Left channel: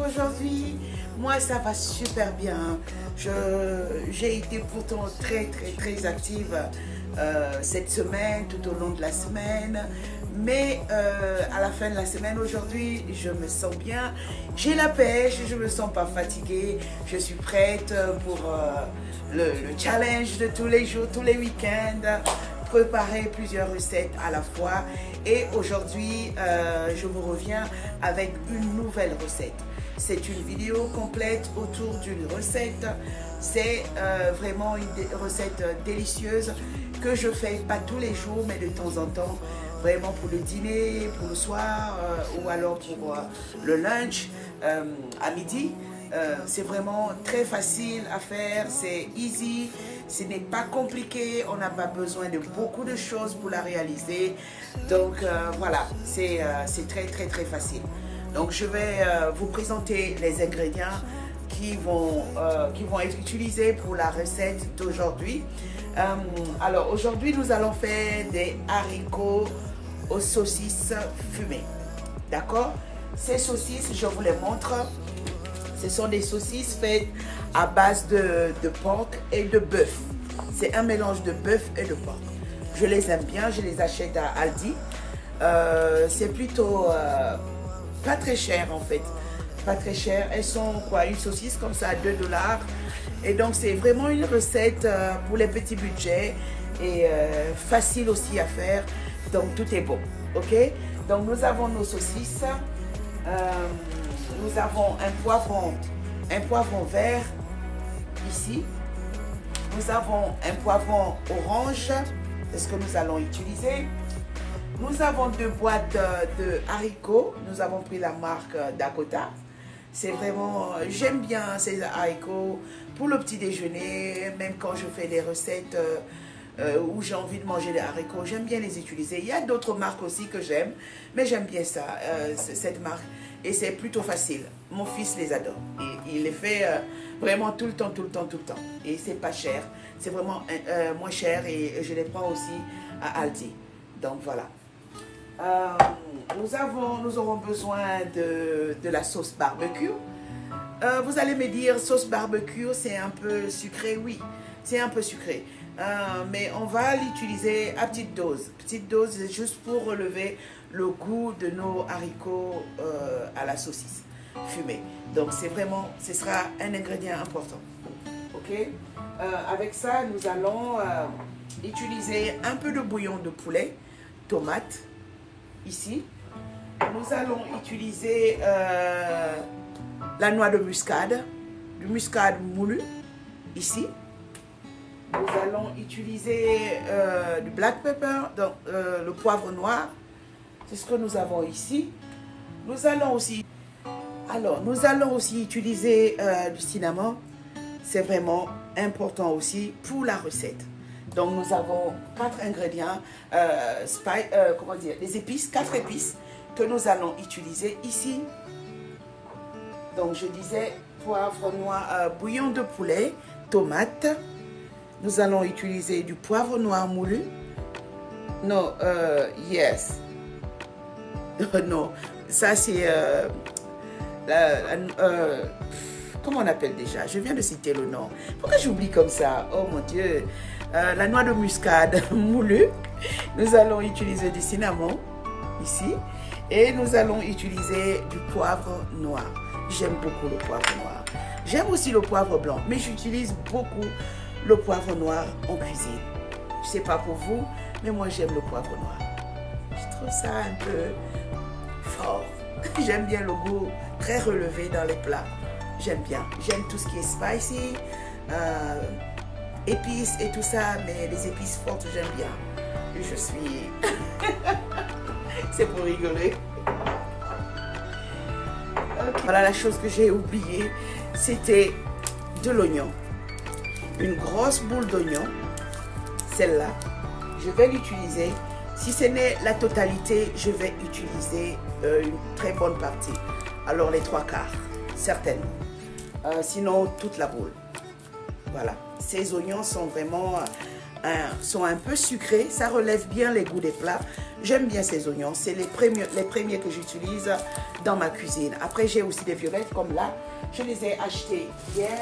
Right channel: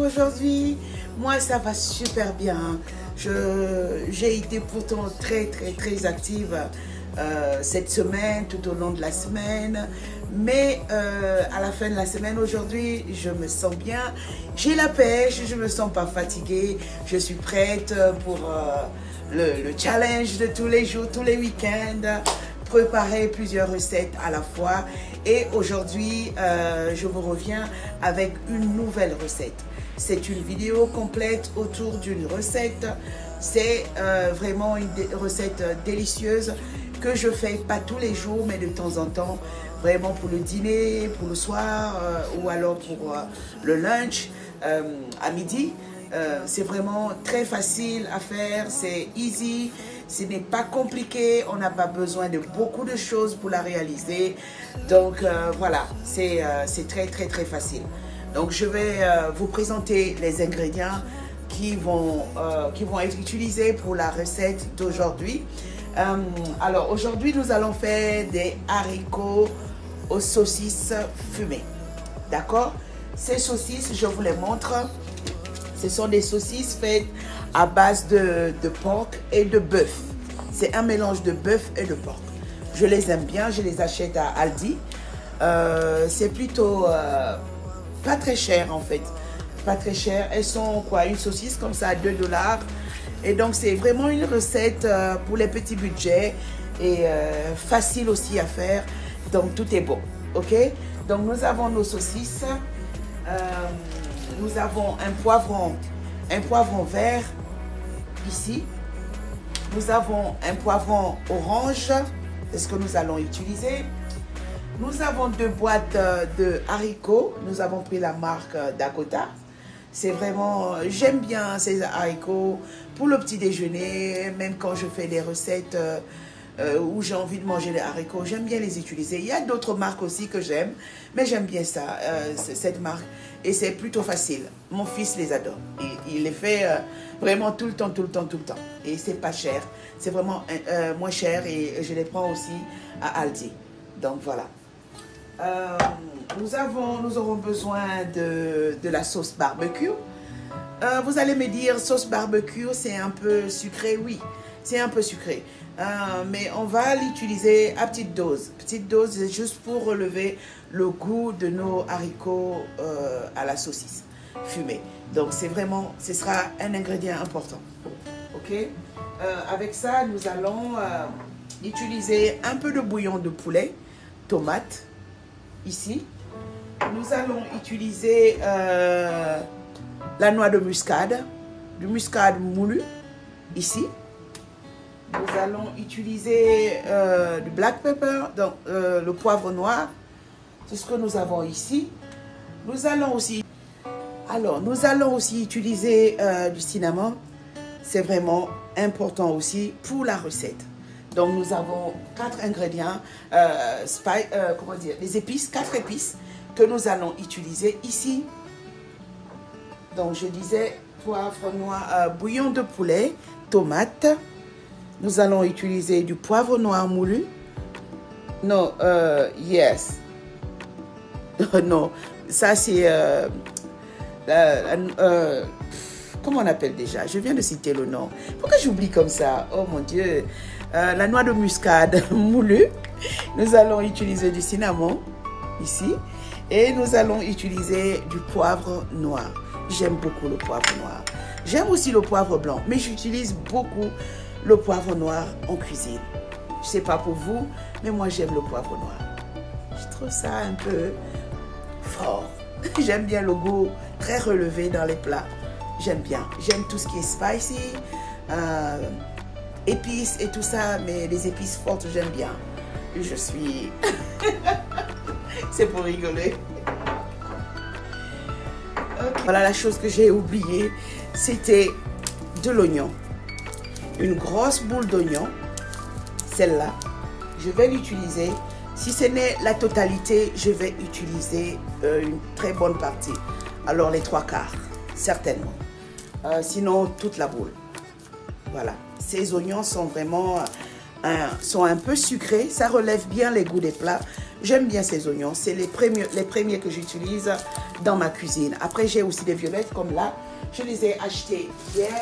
aujourd'hui? Moi, ça va super bien. J'ai été pourtant très active cette semaine, tout au long de la semaine. Mais à la fin de la semaine, aujourd'hui, je me sens bien. J'ai la pêche, je ne me sens pas fatiguée. Je suis prête pour le challenge de tous les jours, tous les week-ends. Préparer plusieurs recettes à la fois. Et aujourd'hui, je vous reviens avec une nouvelle recette. C'est une vidéo complète autour d'une recette. C'est vraiment une recette délicieuse que je fais pas tous les jours, mais de temps en temps, vraiment pour le dîner, pour le soir ou alors pour le lunch à midi. C'est vraiment très facile à faire, c'est easy, ce n'est pas compliqué, on n'a pas besoin de beaucoup de choses pour la réaliser. Donc voilà, c'est très facile. Donc je vais vous présenter les ingrédients qui vont être utilisés pour la recette d'aujourd'hui. Alors aujourd'hui nous allons faire des haricots aux saucisses fumées. D'accord? Ces saucisses, je vous les montre. Ce sont des saucisses faites à base de porc et de bœuf. C'est un mélange de bœuf et de porc. Je les aime bien, je les achète à Aldi. C'est plutôt pas très cher en fait. Pas très cher. Elles sont quoi? Une saucisse comme ça à 2 $. Et donc c'est vraiment une recette pour les petits budgets et facile aussi à faire. Donc tout est bon. Ok? Donc nous avons nos saucisses. Nous avons un poivron vert ici. Nous avons un poivron orange, c'est ce que nous allons utiliser. Nous avons 2 boîtes de haricots. Nous avons pris la marque Dakota. C'est vraiment, j'aime bien ces haricots pour le petit déjeuner, même quand je fais des recettes où j'ai envie de manger des haricots, j'aime bien les utiliser. Il y a d'autres marques aussi que j'aime, mais j'aime bien ça, cette marque. Et c'est plutôt facile. Mon fils les adore. Et il les fait vraiment tout le temps. Et c'est pas cher. C'est vraiment moins cher et je les prends aussi à Aldi. Donc voilà. Nous aurons besoin de la sauce barbecue. Vous allez me dire, sauce barbecue, c'est un peu sucré. Oui, c'est un peu sucré. Mais on va l'utiliser à petite dose. Petite dose, juste pour relever le goût de nos haricots à la saucisse fumée. Donc c'est vraiment, ce sera un ingrédient important. Ok. Avec ça, nous allons utiliser un peu de bouillon de poulet, tomate, ici. Nous allons utiliser la noix de muscade, du muscade moulu, ici. Nous allons utiliser du black pepper, donc le poivre noir. C'est ce que nous avons ici. Nous allons aussi utiliser du cinnamon. C'est vraiment important aussi pour la recette. Donc nous avons 4 ingrédients, comment dire, les épices, 4 épices que nous allons utiliser ici. Donc je disais poivre noir, bouillon de poulet, tomate. Nous allons utiliser du poivre noir moulu. Non, yes. Non, ça c'est... comment on appelle déjà? Je viens de citer le nom. Pourquoi j'oublie comme ça? Oh mon Dieu. La noix de muscade moulue. Nous allons utiliser du cinnamon ici. Et nous allons utiliser du poivre noir. J'aime beaucoup le poivre noir. J'aime aussi le poivre blanc, mais j'utilise beaucoup le poivre noir en cuisine. Je ne sais pas pour vous, mais moi j'aime le poivre noir. Je trouve ça un peu fort. J'aime bien le goût très relevé dans les plats. J'aime bien. J'aime tout ce qui est spicy, épices et tout ça, mais les épices fortes, j'aime bien. Je suis... C'est pour rigoler. Okay. Voilà la chose que j'ai oubliée, c'était de l'oignon. Une grosse boule d'oignon, celle-là, je vais l'utiliser. Si ce n'est la totalité, je vais utiliser une très bonne partie. Alors les 3/4, certainement. Sinon, toute la boule. Voilà. Ces oignons sont vraiment sont un peu sucrés. Ça relève bien les goûts des plats. J'aime bien ces oignons. C'est les premiers que j'utilise dans ma cuisine. Après, j'ai aussi des violettes comme là. Je les ai achetés hier.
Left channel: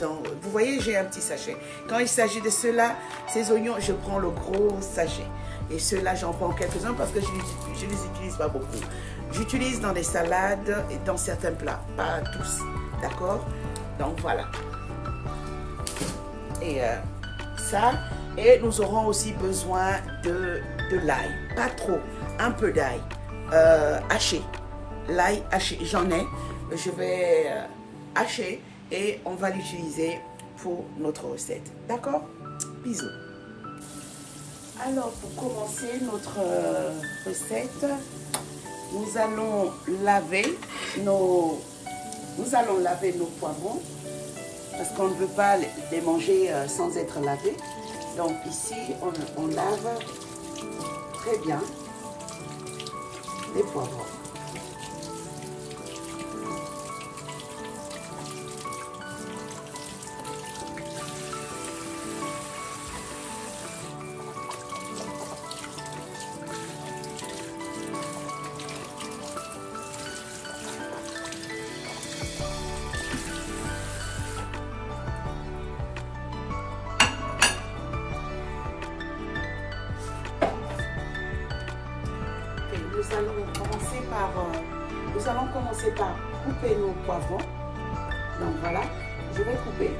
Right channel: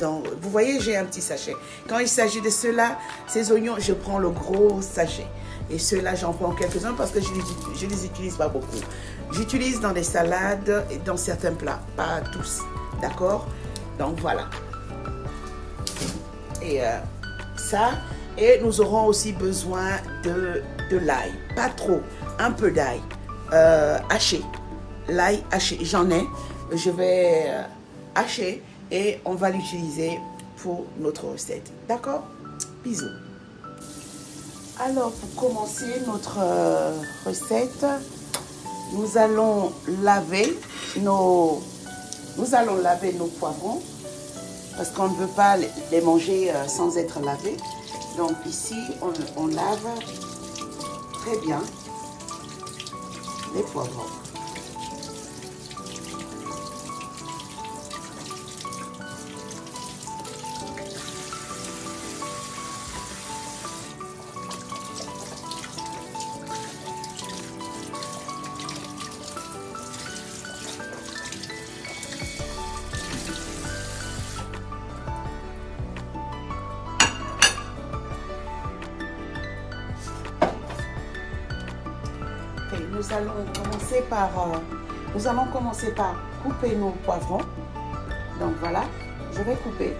Donc, vous voyez, j'ai un petit sachet. Quand il s'agit de ceux-là, ces oignons, je prends le gros sachet. Et ceux-là, j'en prends quelques-uns parce que je ne les utilise pas beaucoup. J'utilise dans des salades et dans certains plats. Pas tous. D'accord? Donc, voilà. Et ça. Et nous aurons aussi besoin de l'ail. Pas trop. Un peu d'ail. Haché. L'ail haché. J'en ai. Je vais... haché et on va l'utiliser pour notre recette. D'accord? Bisous. Alors, pour commencer notre recette, nous allons laver nos poivrons parce qu'on ne veut pas les manger sans être lavés. Donc ici, on lave très bien les poivrons. Nous allons commencer par couper nos poivrons. Donc voilà, je vais couper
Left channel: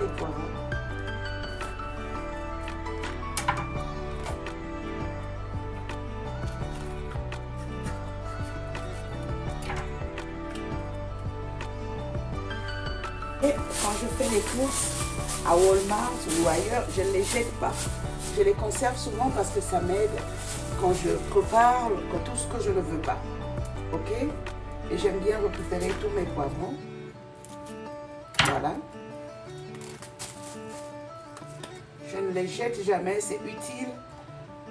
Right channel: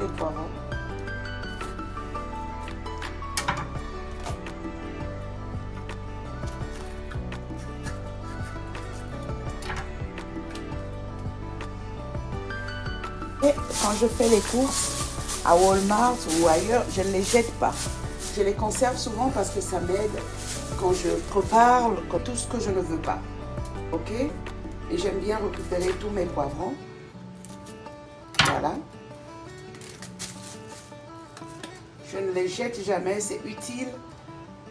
les poivrons. Et quand je fais les courses à Walmart ou ailleurs, je ne les jette pas. Je les conserve souvent parce que ça m'aide quand je prépare tout ce que je ne veux pas. Ok? Et j'aime bien récupérer tous mes poivrons. Voilà. Je ne les jette jamais. C'est utile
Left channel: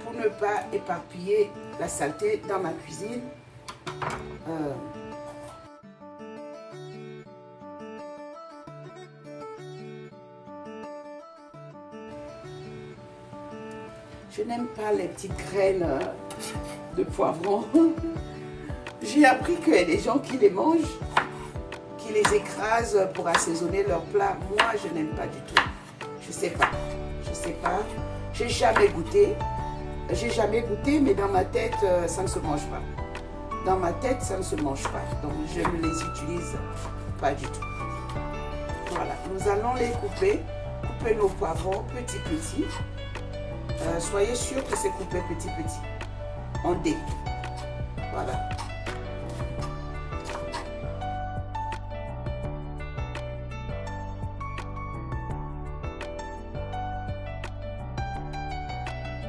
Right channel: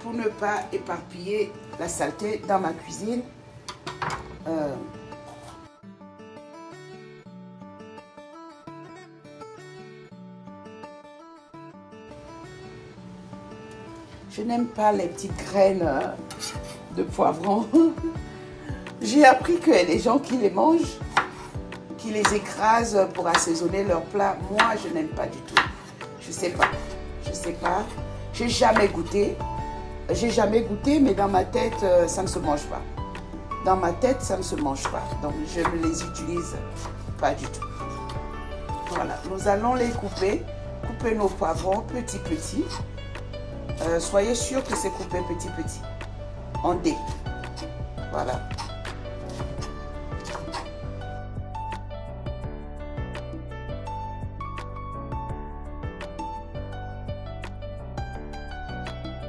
pour ne pas éparpiller la saleté dans ma cuisine. Je n'aime pas les petites graines de poivrons. J'ai appris qu'il y a des gens qui les mangent, qui les écrasent pour assaisonner leur plat. Moi, je n'aime pas du tout. Je sais pas. Je sais pas. J'ai jamais goûté. Mais dans ma tête, ça ne se mange pas. Dans ma tête, ça ne se mange pas. Donc, je ne les utilise pas du tout. Voilà. Nous allons les couper. Couper nos poivrons petits. Soyez sûr que c'est coupé petit, en dés. Voilà.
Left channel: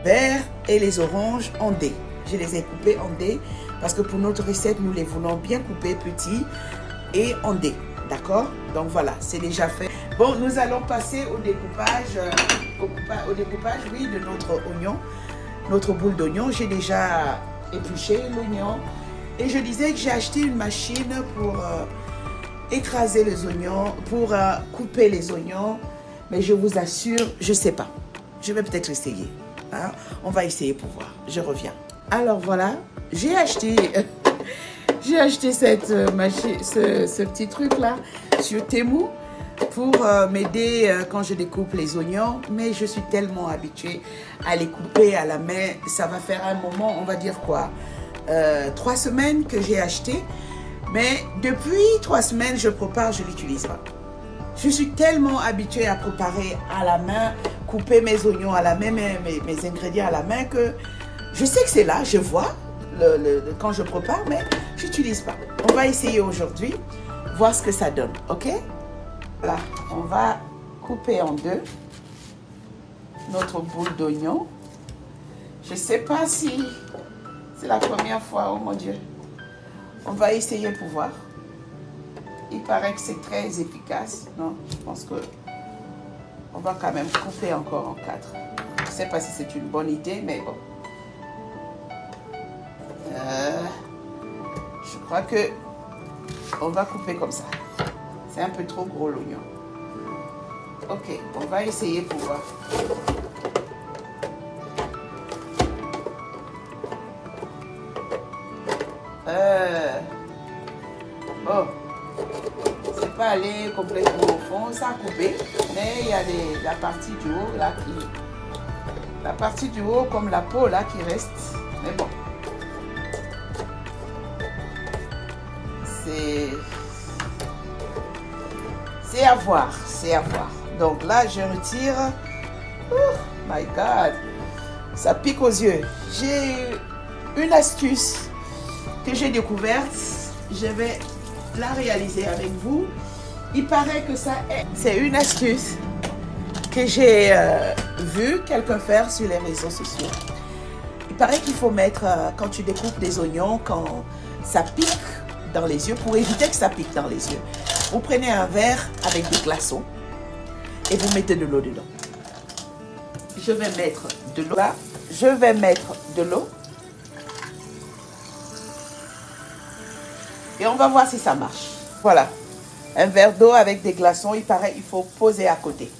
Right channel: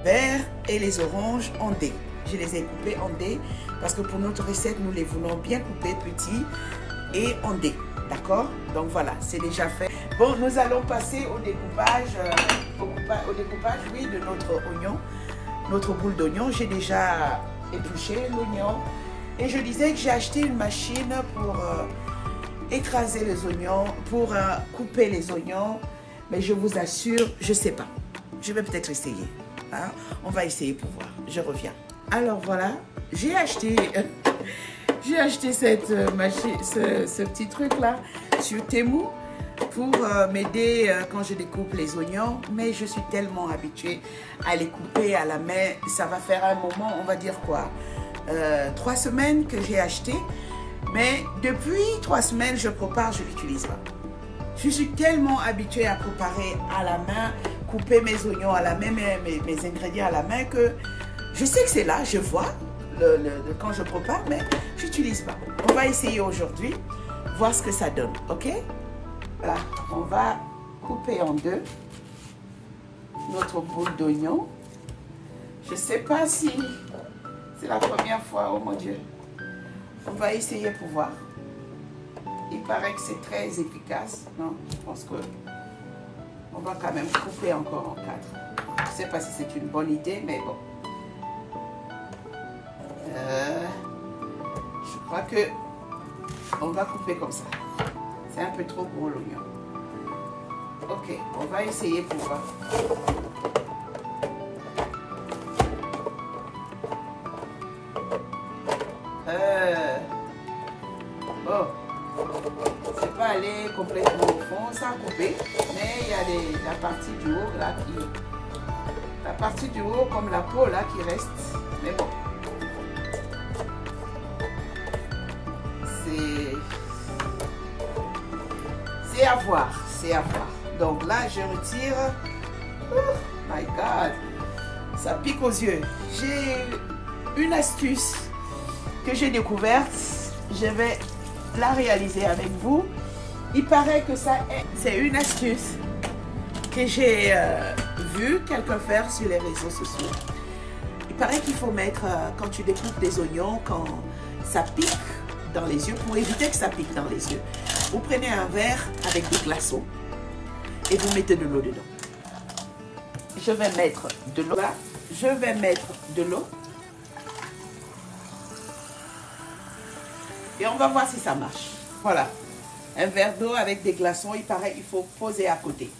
Vert et les oranges en dés. Je les ai coupés en dés parce que pour notre recette, nous les voulons bien coupés petits et en dés. D'accord? Donc voilà, c'est déjà fait. Bon, nous allons passer au découpage, oui, de notre oignon, notre boule d'oignon. J'ai déjà épluché l'oignon et je disais que j'ai acheté une machine pour écraser les oignons, pour couper les oignons. Mais je vous assure, je ne sais pas. Je vais peut-être essayer. Hein? On va essayer pour voir. Je reviens. Alors voilà, j'ai acheté cette machine, ce petit truc là sur Temu pour m'aider quand je découpe les oignons. Mais je suis tellement habituée à les couper à la main. Ça va faire un moment, on va dire quoi, 3 semaines que j'ai acheté. Mais depuis 3 semaines, je prépare, je ne l'utilise pas. Je suis tellement habituée à préparer à la main, couper mes oignons à la main, mes ingrédients à la main, que je sais que c'est là, je vois quand je prépare, mais je n'utilise pas. On va essayer aujourd'hui, voir ce que ça donne, ok? Là, on va couper en deux notre boule d'oignon. Je ne sais pas si c'est la première fois, oh mon Dieu. On va essayer pour voir. Il paraît que c'est très efficace. Non, je pense que on va quand même couper encore en 4. Je ne sais pas si c'est une bonne idée, mais bon. Je crois que on va couper comme ça. C'est un peu trop gros l'oignon. Ok, on va essayer pour voir. Bon, c'est pas allé complètement au fond, ça a coupé, mais il y a la partie du haut là qui... La partie du haut comme la peau là qui reste, mais bon. C'est à voir, c'est à voir. Donc là, je retire. Oh my God, ça pique aux yeux. J'ai une astuce que j'ai découverte. Je vais la réaliser avec vous. Il paraît que ça, c'est une astuce que j'ai vu quelqu'un faire sur les réseaux sociaux. Il paraît qu'il faut mettre, quand tu découpes des oignons, quand ça pique dans les yeux, pour éviter que ça pique dans les yeux, vous prenez un verre avec des glaçons et vous mettez de l'eau dedans. Je vais mettre de l'eau là. Je vais mettre de l'eau. Et on va voir si ça marche. Voilà. Un verre d'eau avec des glaçons, il paraît qu'il faut poser à côté.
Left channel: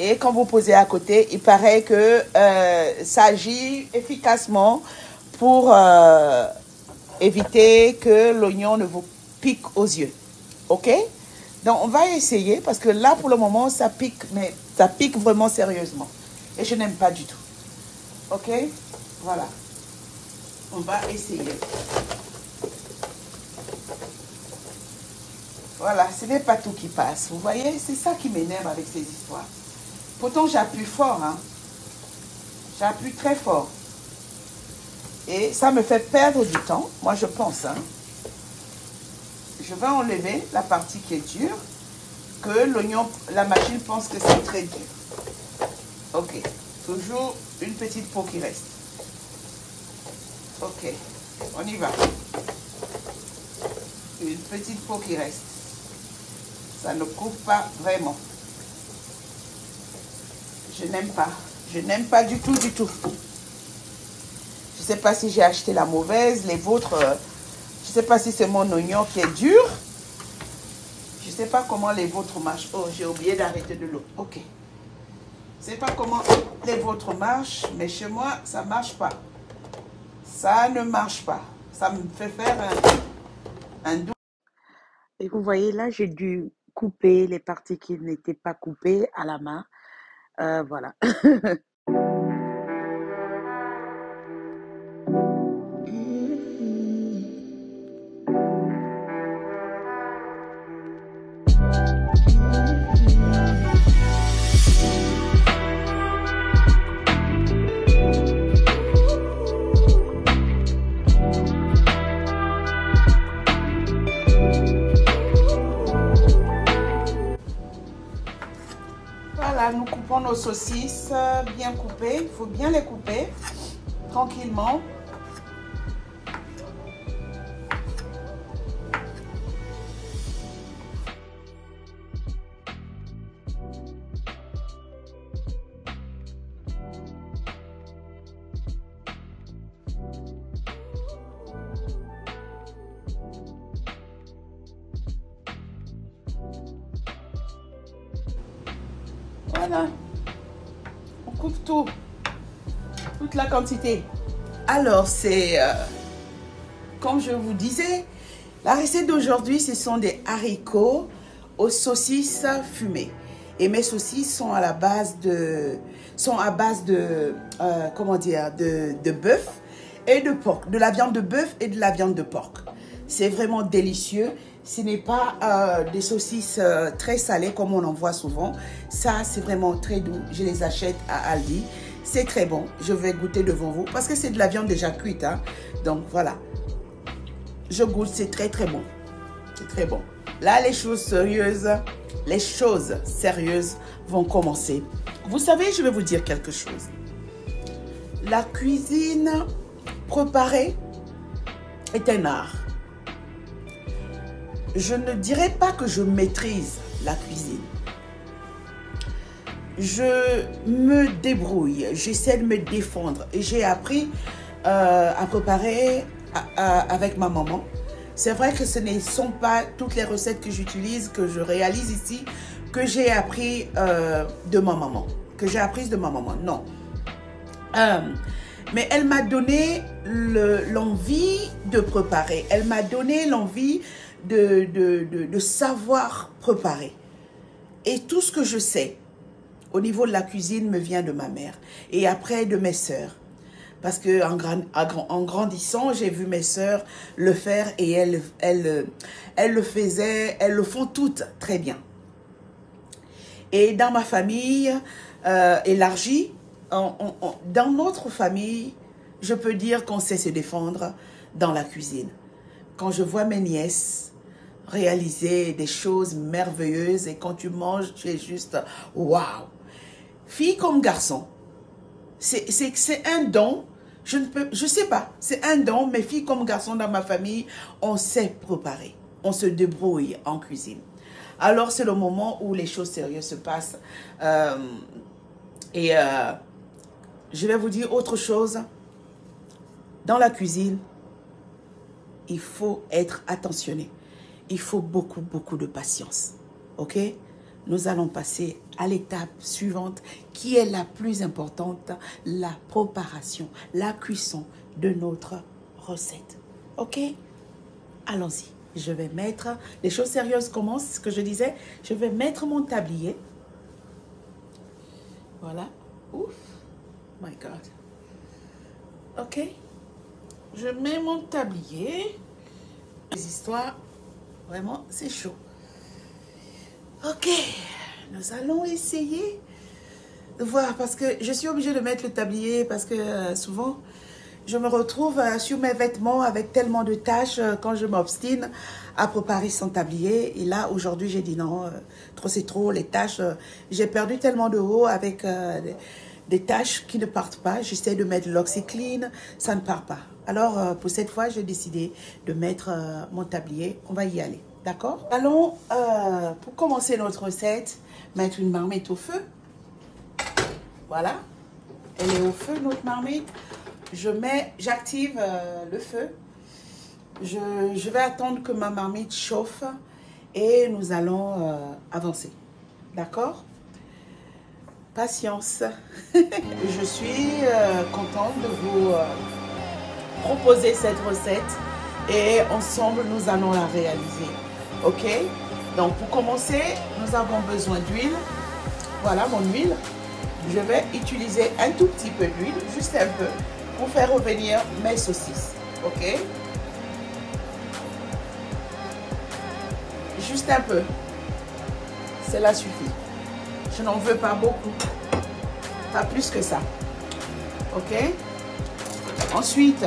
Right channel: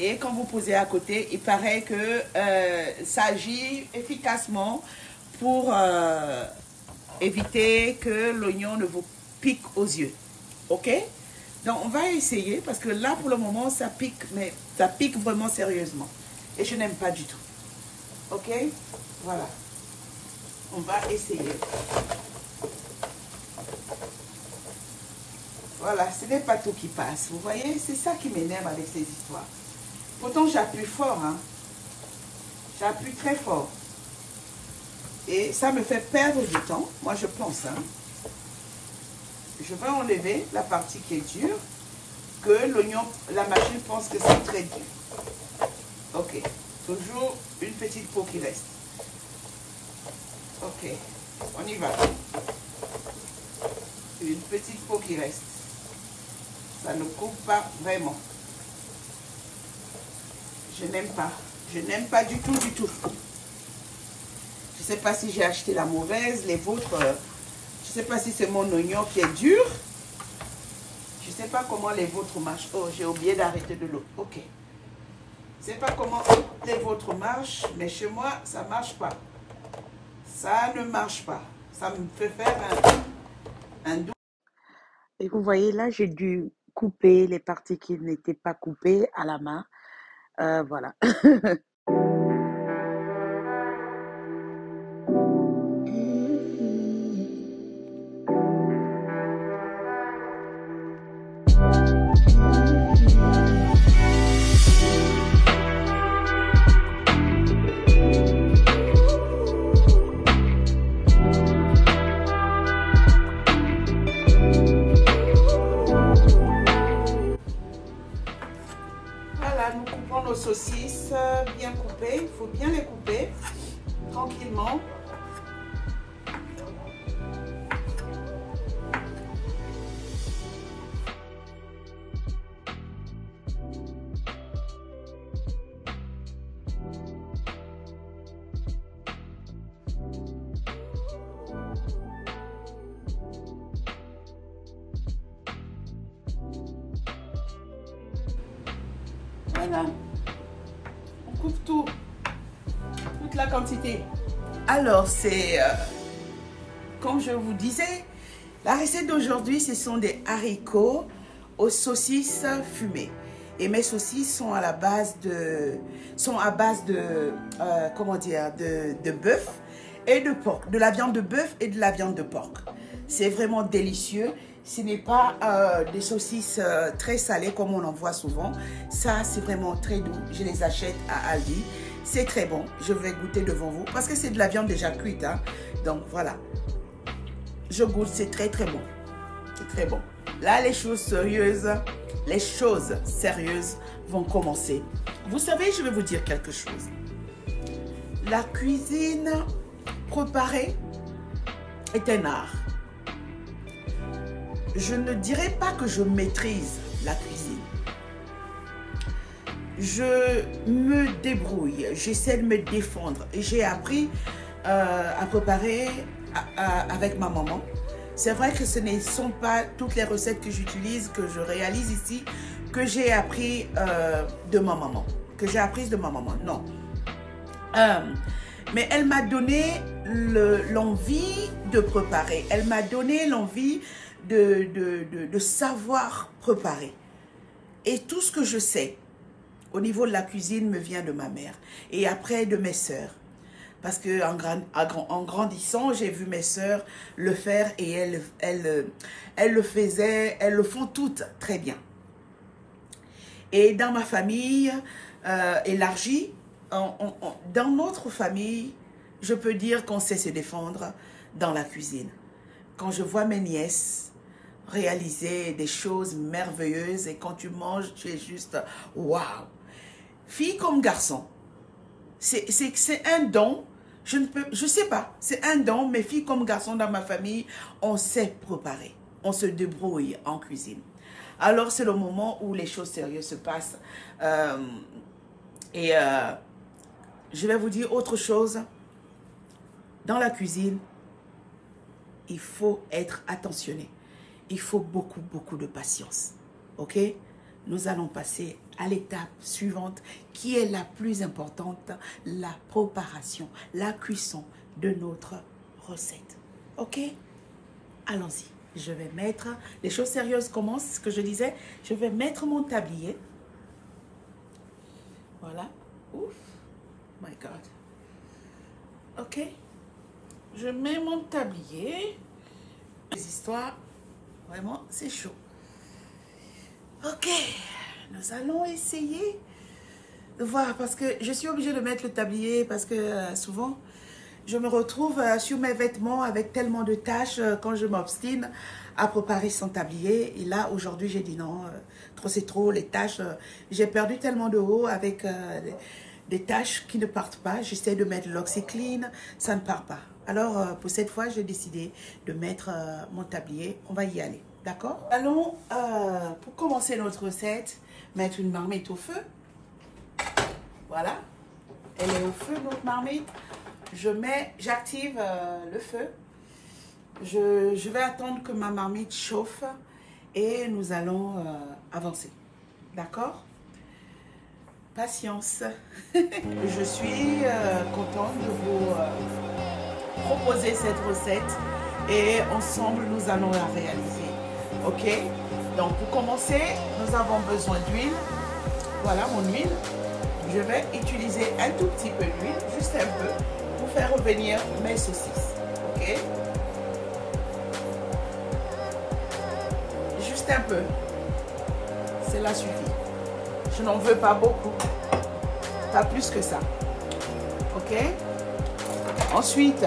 Et quand vous posez à côté, il paraît que ça agit efficacement pour éviter que l'oignon ne vous pique aux yeux. Ok? Donc, on va essayer parce que là, pour le moment, ça pique, mais ça pique vraiment sérieusement. Et je n'aime pas du tout. Ok? Voilà. On va essayer. Voilà, ce n'est pas tout qui passe. Vous voyez, c'est ça qui m'énerve avec ces histoires. Pourtant, j'appuie fort, hein. J'appuie très fort. Et ça me fait perdre du temps, moi je pense, hein. Je vais enlever la partie qui est dure, que l'oignon, la machine pense que c'est très dur. Ok, toujours une petite peau qui reste. Ok, on y va. Une petite peau qui reste. Ça ne coupe pas vraiment. Je n'aime pas. Je n'aime pas du tout, du tout. Je ne sais pas si j'ai acheté la mauvaise, les vôtres. Je ne sais pas si c'est mon oignon qui est dur. Je ne sais pas comment les vôtres marchent. Oh, j'ai oublié d'arrêter de l'eau. Ok. Je ne sais pas comment les vôtres marchent, mais chez moi, ça ne marche pas. Ça ne marche pas. Ça me fait faire un doux. Et vous voyez, là, j'ai dû couper les parties qui n'étaient pas coupées à la main. Voilà. Nous coupons nos saucisses bien coupées. Il faut bien les couper tranquillement. Voilà, on coupe tout, toute la quantité. Alors, c'est, comme je vous disais, la recette d'aujourd'hui, ce sont des haricots aux saucisses fumées. Et mes saucisses sont à base de comment dire, de bœuf et de porc, de la viande de bœuf et de la viande de porc. C'est vraiment délicieux. Ce n'est pas des saucisses très salées comme on en voit souvent. Ça, c'est vraiment très doux. Je les achète à Aldi. C'est très bon. Je vais goûter devant vous parce que c'est de la viande déjà cuite, hein. Donc, voilà. Je goûte, c'est très, très bon. C'est très bon. Là, les choses sérieuses vont commencer. Vous savez, je vais vous dire quelque chose. La cuisine préparée est un art. Je ne dirais pas que je maîtrise la cuisine. Je me débrouille, j'essaie de me défendre. J'ai appris à préparer avec ma maman. C'est vrai que ce ne sont pas toutes les recettes que j'utilise, que je réalise ici, que j'ai appris de ma maman. Que j'ai apprise de ma maman, non. Mais elle m'a donné l'envie de préparer. Elle m'a donné l'envie de savoir préparer. Et tout ce que je sais au niveau de la cuisine me vient de ma mère. Et après de mes sœurs. Parce que en grandissant, j'ai vu mes sœurs le faire et elles le faisaient, elles le font toutes très bien. Et dans ma famille élargie, dans notre famille, je peux dire qu'on sait se défendre dans la cuisine. Quand je vois mes nièces réaliser des choses merveilleuses et quand tu manges, tu es juste waouh. Fille comme garçon, c'est un don. Je sais pas, c'est un don, mais filles comme garçons dans ma famille, on sait préparer, on se débrouille en cuisine. Alors c'est le moment où les choses sérieuses se passent. Je vais vous dire autre chose. Dans la cuisine, il faut être attentionné. Il faut beaucoup de patience. Ok? Nous allons passer à l'étape suivante qui est la plus importante, la préparation, la cuisson de notre recette. Ok? Allons-y. Je vais mettre, les choses sérieuses commencent, ce que je disais, je vais mettre mon tablier. Voilà. Ouf. My God. Ok? Je mets mon tablier. Les histoires, vraiment, c'est chaud. Ok, nous allons essayer de voir parce que je suis obligée de mettre le tablier parce que souvent je me retrouve sur mes vêtements avec tellement de tâches quand je m'obstine à préparer son tablier. Et là, aujourd'hui, j'ai dit non, trop c'est trop, les tâches. J'ai perdu tellement de haut avec des tâches qui ne partent pas. J'essaie de mettre l'OxiClean, ça ne part pas. Alors, pour cette fois, j'ai décidé de mettre mon tablier. On va y aller. D'accord? Allons, pour commencer notre recette, mettre une marmite au feu. Voilà. Elle est au feu, notre marmite. J'active le feu. Je vais attendre que ma marmite chauffe et nous allons avancer. D'accord? Patience. Je suis contente de vous proposer cette recette et ensemble, nous allons la réaliser. Ok, donc pour commencer, nous avons besoin d'huile. Voilà mon huile. Je vais utiliser un tout petit peu d'huile, juste un peu, pour faire revenir mes saucisses. Ok, juste un peu. Cela suffit. Je n'en veux pas beaucoup. Pas plus que ça. Ok. Ensuite,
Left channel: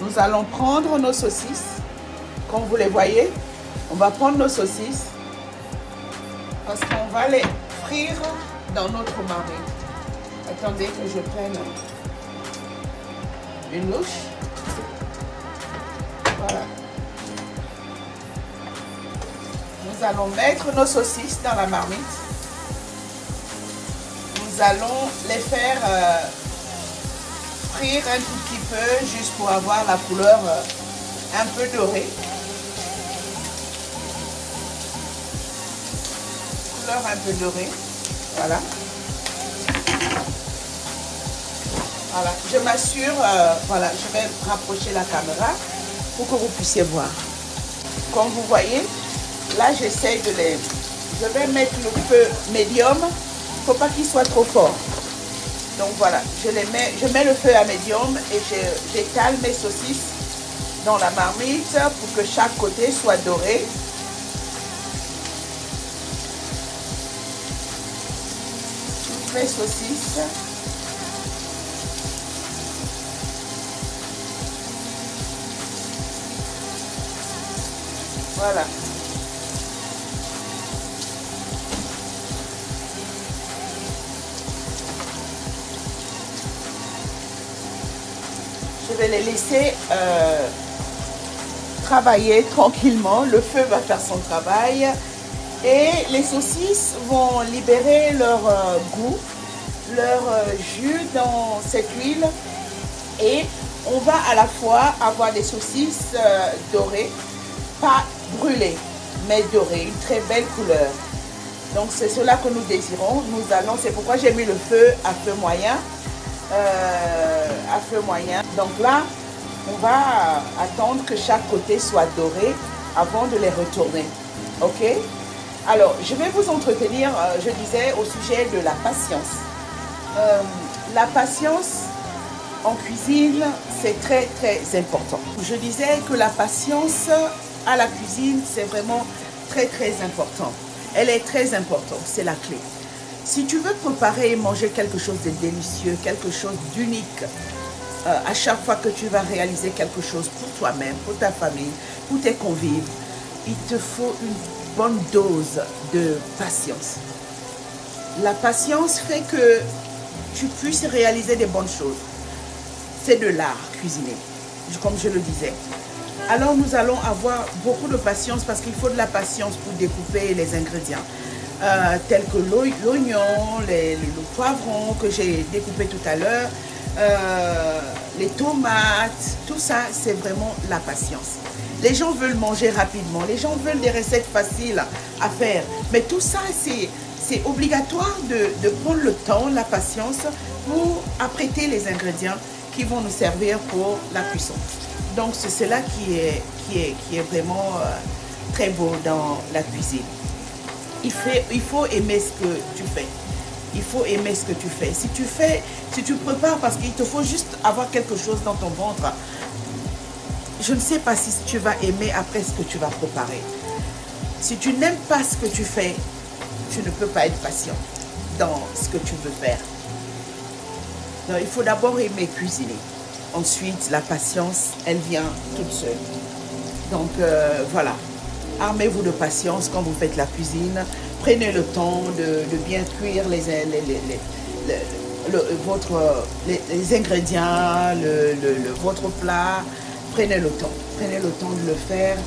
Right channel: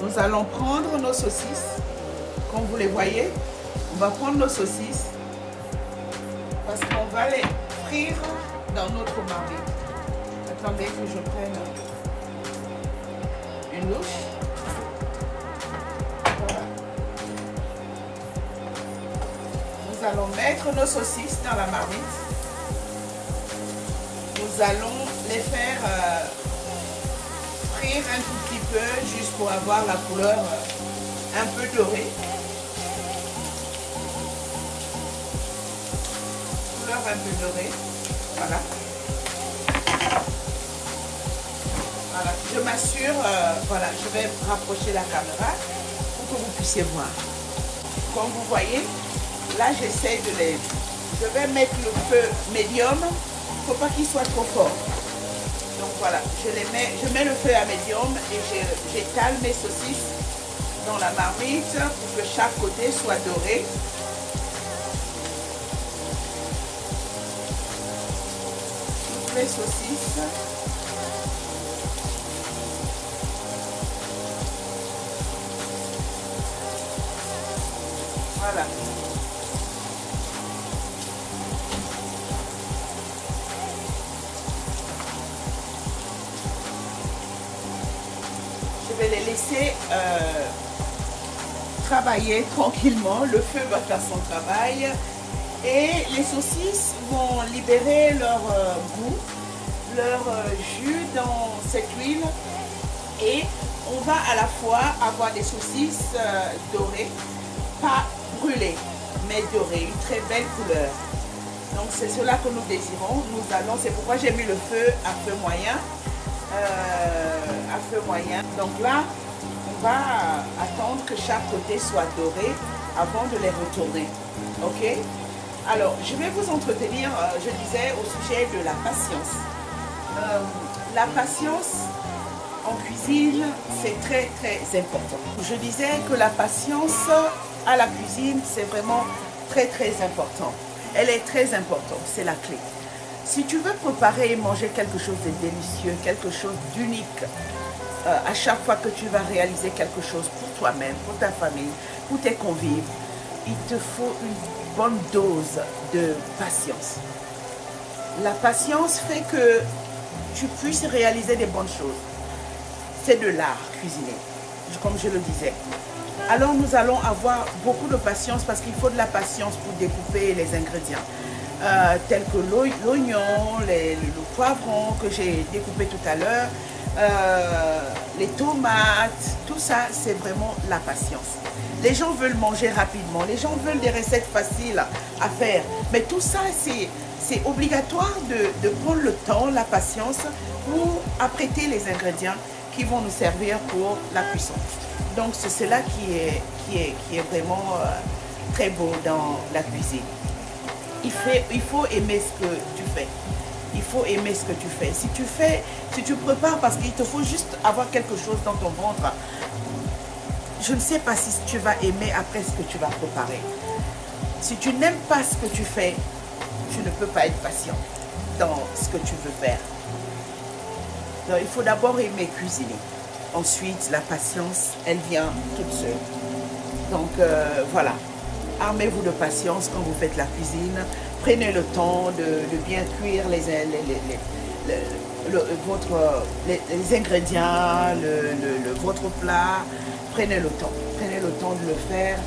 nous allons prendre nos saucisses, comme vous les voyez. On va prendre nos saucisses parce qu'on va les frire dans notre marmite. Attendez que je prenne une louche. Voilà. Nous allons mettre nos saucisses dans la marmite. Nous allons les faire frire un tout petit peu juste pour avoir la couleur un peu dorée. Un peu doré, voilà. Voilà, je m'assure, voilà, je vais rapprocher la caméra pour que vous puissiez voir. Comme vous voyez, là j'essaie de les, je vais mettre le feu médium, il ne faut pas qu'il soit trop fort. Donc voilà, je mets le feu à médium et j'étale mes saucisses dans la marmite pour que chaque côté soit doré. Mes saucisses. Voilà. Je vais les laisser travailler tranquillement. Le feu va faire son travail. Et les saucisses vont libérer leur goût, leur jus dans cette huile. Et on va à la fois avoir des saucisses dorées, pas brûlées, mais dorées, une très belle couleur. Donc c'est cela que nous désirons. Nous allons, c'est pourquoi j'ai mis le feu à feu moyen. À feu moyen. Donc là, on va attendre que chaque côté soit doré avant de les retourner. Ok? Alors, je vais vous entretenir, je disais, au sujet de la patience. La patience en cuisine, c'est très très important. Je disais que la patience à la cuisine, c'est vraiment très très important. Elle est très importante, c'est la clé. Si tu veux préparer et manger quelque chose de délicieux, quelque chose d'unique, à chaque fois que tu vas réaliser quelque chose pour toi-même, pour ta famille, pour tes convives, il te faut une bonne dose de patience. La patience fait que tu puisses réaliser des bonnes choses. C'est de l'art, cuisiner, comme je le disais. Alors nous allons avoir beaucoup de patience parce qu'il faut de la patience pour découper les ingrédients. Tels que l'oignon, le poivron que j'ai découpé tout à l'heure, les tomates, tout ça, c'est vraiment la patience. Les gens veulent manger rapidement, les gens veulent des recettes faciles à faire, mais tout ça, c'est obligatoire de prendre le temps, la patience pour apprêter les ingrédients qui vont nous servir pour la cuisson. Donc c'est cela qui est vraiment très beau dans la cuisine. Il faut aimer ce que tu fais. Il faut aimer ce que tu fais. Si tu prépares parce qu'il te faut juste avoir quelque chose dans ton ventre, je ne sais pas si tu vas aimer après ce que tu vas préparer. Si tu n'aimes pas ce que tu fais, tu ne peux pas être patient dans ce que tu veux faire. Donc, il faut d'abord aimer cuisiner. Ensuite, la patience, elle vient toute seule. Donc, voilà. Armez-vous de patience quand vous faites la cuisine. Prenez le temps de bien cuire les ingrédients, votre plat. Prenez le temps. Prenez le temps de le faire.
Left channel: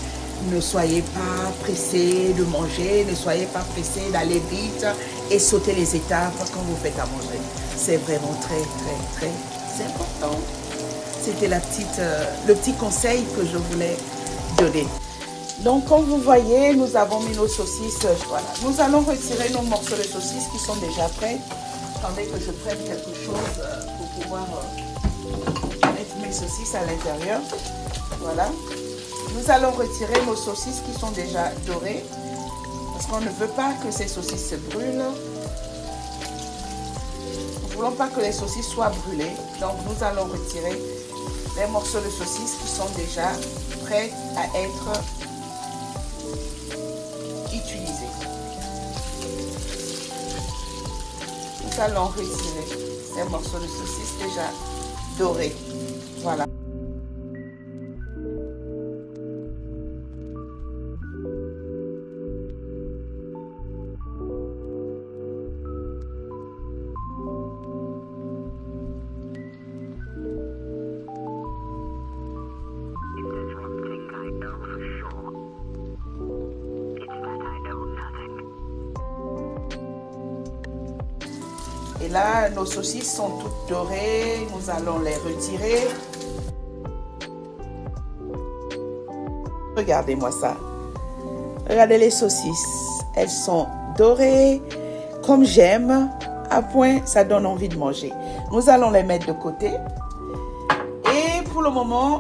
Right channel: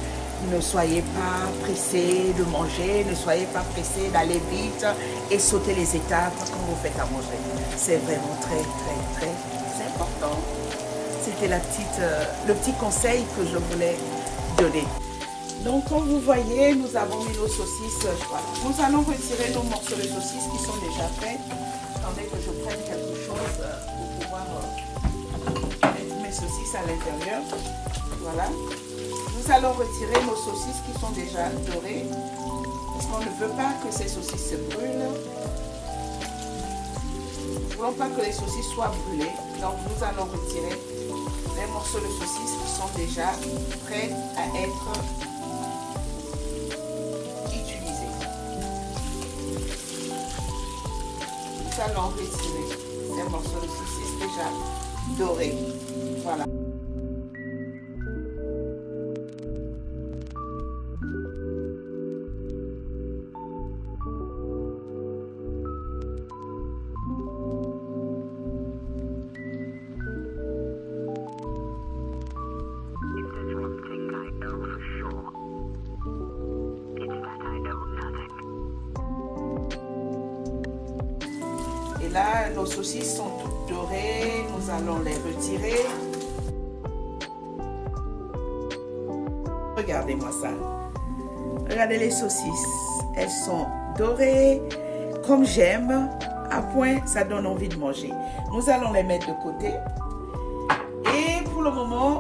Ne soyez pas pressé de manger. Ne soyez pas pressé d'aller vite et sauter les étapes quand vous faites à manger. C'est vraiment très, très, très important. C'était le petit conseil que je voulais donner. Donc, comme vous voyez, nous avons mis nos saucisses. Voilà. Nous allons retirer nos morceaux de saucisses qui sont déjà prêts. Attendez que je prenne quelque chose pour pouvoir mettre mes saucisses à l'intérieur. Voilà. Nous allons retirer nos saucisses qui sont déjà dorées. Parce qu'on ne veut pas que ces saucisses se brûlent. Nous ne voulons pas que les saucisses soient brûlées. Donc, nous allons retirer les morceaux de saucisses qui sont déjà prêts à être utilisés. Nous allons retirer ces morceaux de saucisses déjà dorés. Voilà. Et là, nos saucisses sont toutes dorées. Nous allons les retirer. Regardez-moi ça. Regardez les saucisses. Elles sont dorées comme j'aime. À point, ça donne envie de manger. Nous allons les mettre de côté. Et pour le moment,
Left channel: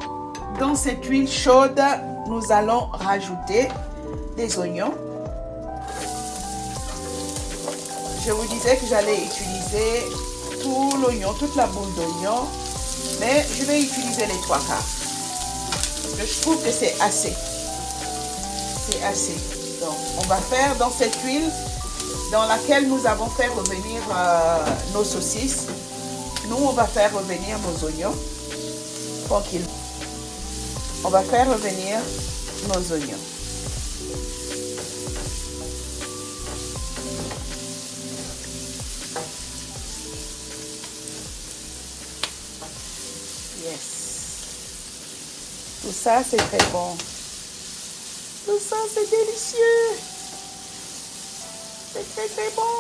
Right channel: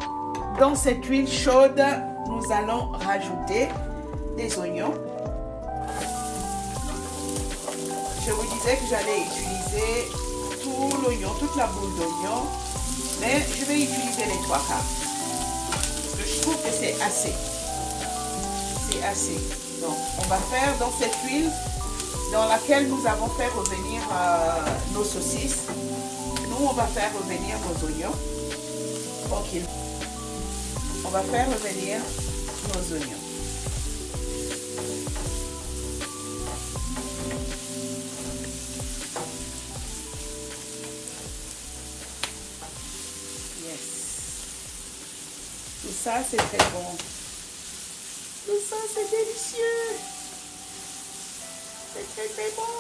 dans cette huile chaude, nous allons rajouter des oignons. Je vous disais que j'allais utiliser tout l'oignon, toute la boule d'oignon, mais je vais utiliser les 3 quarts. Je trouve que c'est assez. C'est assez. Donc, on va faire dans cette huile dans laquelle nous avons fait revenir nos saucisses. Nous, on va faire revenir nos oignons. Tranquille. On va faire revenir nos oignons. Tout ça, c'est très bon. Tout ça, c'est délicieux. C'est très, très bon.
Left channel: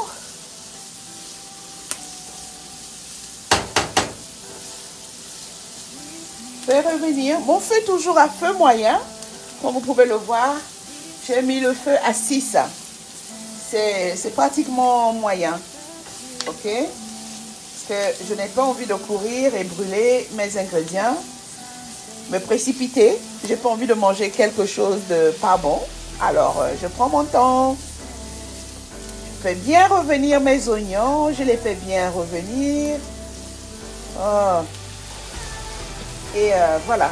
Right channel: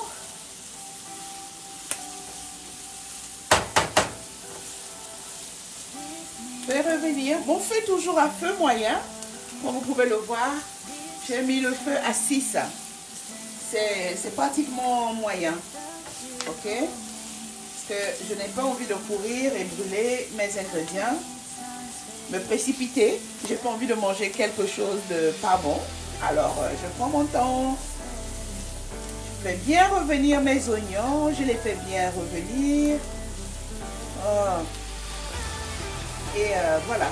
Je vais revenir. Mon feu toujours à feu moyen. Comme vous pouvez le voir, j'ai mis le feu à 6. c'est pratiquement moyen. Ok? Parce que je n'ai pas envie de courir et brûler mes ingrédients. Me précipiter. J'ai pas envie de manger quelque chose de pas bon. Alors, je prends mon temps. Je fais bien revenir mes oignons. Je les fais bien revenir. Oh. Et voilà.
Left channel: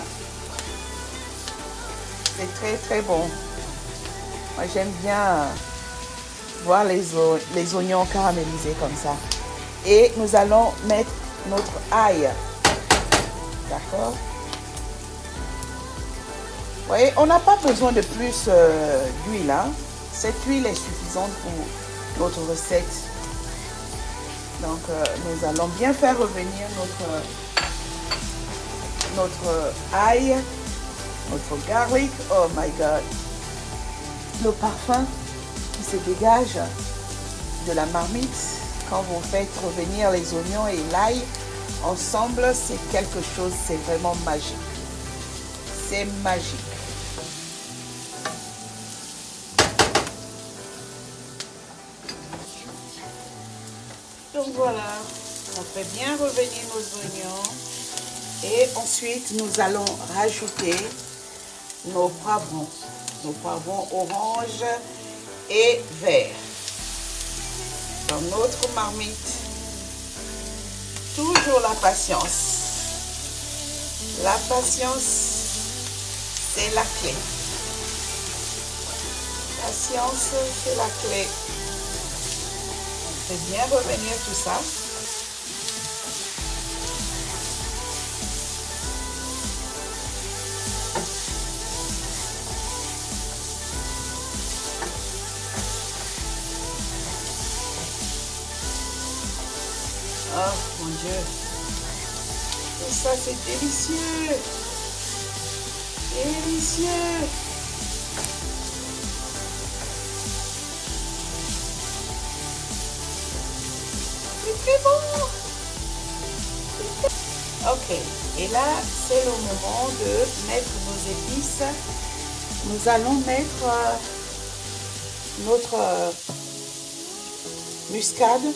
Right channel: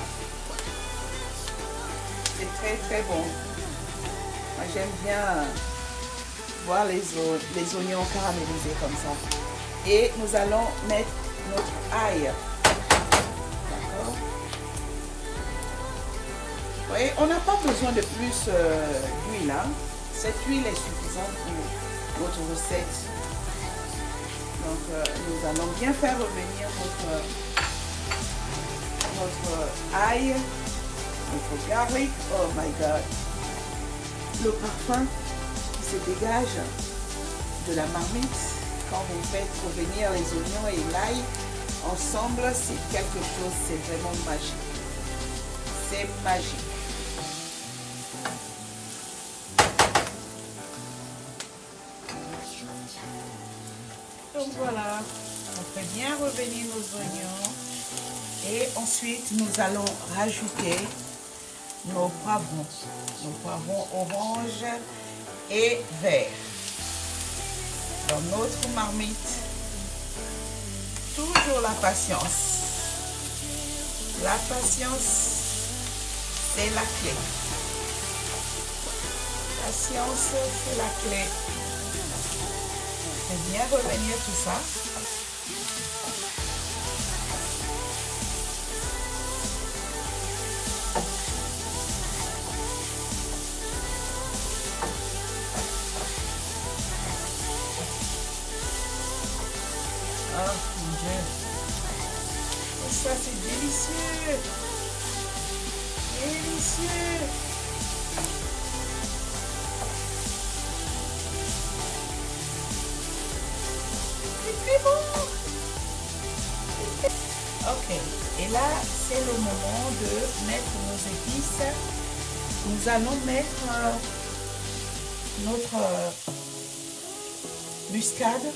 C'est très très bon. Moi, j'aime bien voir les oignons caramélisés comme ça. Et nous allons mettre notre ail. D'accord? Vous voyez, on n'a pas besoin de plus d'huile. Hein? Cette huile est suffisante pour notre recette. Donc, nous allons bien faire revenir notre ail, notre garlic. Oh my God! Le parfum qui se dégage de la marmite quand vous faites revenir les oignons et l'ail ensemble, c'est quelque chose, c'est vraiment magique. C'est magique. Donc voilà, on fait bien revenir nos oignons et ensuite nous allons rajouter nos poivrons orange et vert dans notre marmite. Toujours la patience. La patience, c'est la clé. Patience, c'est la clé. Fais bien revenir tout ça. Oh mon Dieu. Tout ça c'est délicieux. Délicieux. C'est très bon. Ok. Et là, c'est le moment de mettre nos épices. Nous allons mettre notre muscade.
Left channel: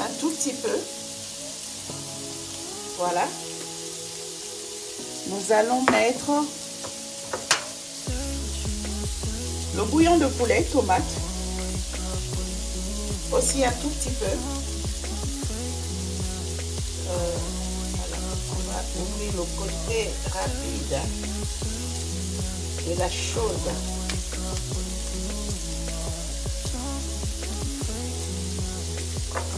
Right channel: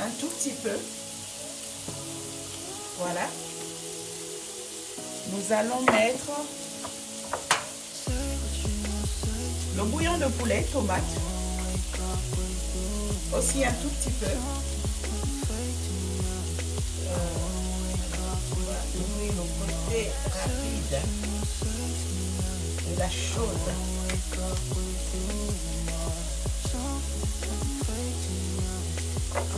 Un tout petit peu. Voilà. Nous allons mettre le bouillon de poulet, tomate. Aussi un tout petit peu. On va ouvrir le côté rapide de la chaude.